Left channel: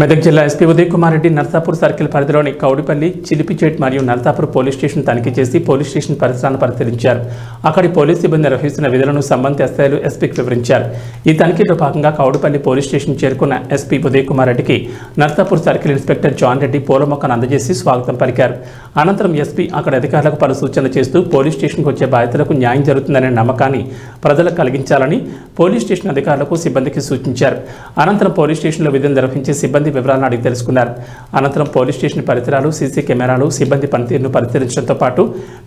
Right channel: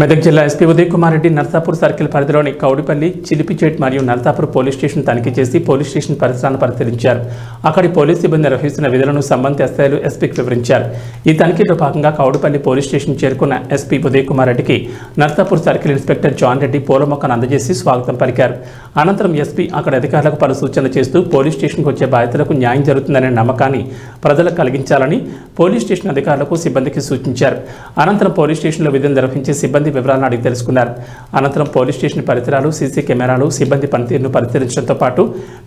మెదక్ జిల్లా SP Uday Kumar Reddy Narsapur circle పరిధిలోని కౌడిపల్లి, చిలిపిచేట్ మరియు నర్సాపూర్ పోలీస్ స్టేషన్ తనిఖీ చేసి పోలీస్ స్టేషన్ పరిసరాలను పరిశీలించారు. అక్కడి పోలీస్ సిబ్బంది నిర్వహిస్తున్న విధులను సంబంధిత ఎస్ఐలు ఎస్పీకి వివరించారు. ఈ తనిఖీలో భాగంగా కౌడిపల్లి పోలీస్ స్టేషన్ చేరుకున్న ఎస్పీ ఉదయ్ కుమార్ రెడ్డికి Narsapur circle inspector John Reddy పూలమొక్కను అందజేసి స్వాగతం పలికారు. అనంతరం ఎస్పీ అక్కడ అధికారులకు పలు సూచనలు చేస్తూ పోలీస్ స్టేషన్కు వచ్చే బాధితులకు న్యాయం జరుగుతుందనే నమ్మకాన్ని ప్రజలకు కలిగించాలని పోలీస్ స్టేషన్ అధికారులకు సిబ్బందికి సూచించారు. అనంతరం పోలీస్ స్టేషన్లో విధులు నిర్వహించే సిబ్బంది వివరాలను అడిగి తెలుసుకున్నారు. అనంతరం పోలీస్ స్టేషన్ పరిసరాలు, సీసీ కెమెరాలు, సిబ్బంది పనితీరును పరిశీలించడంతో పాటు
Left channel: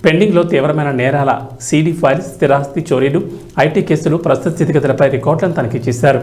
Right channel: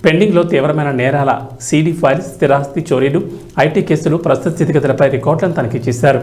పెండింగ్లో తీవ్రమైన నేరాల సీడీ ఫైల్స్, స్థిరాస్తి చోరీలు, ఐటీ కేసులు, ప్రస్తుత స్థితిగతులపై రికార్డులను తనిఖీ చేశారు.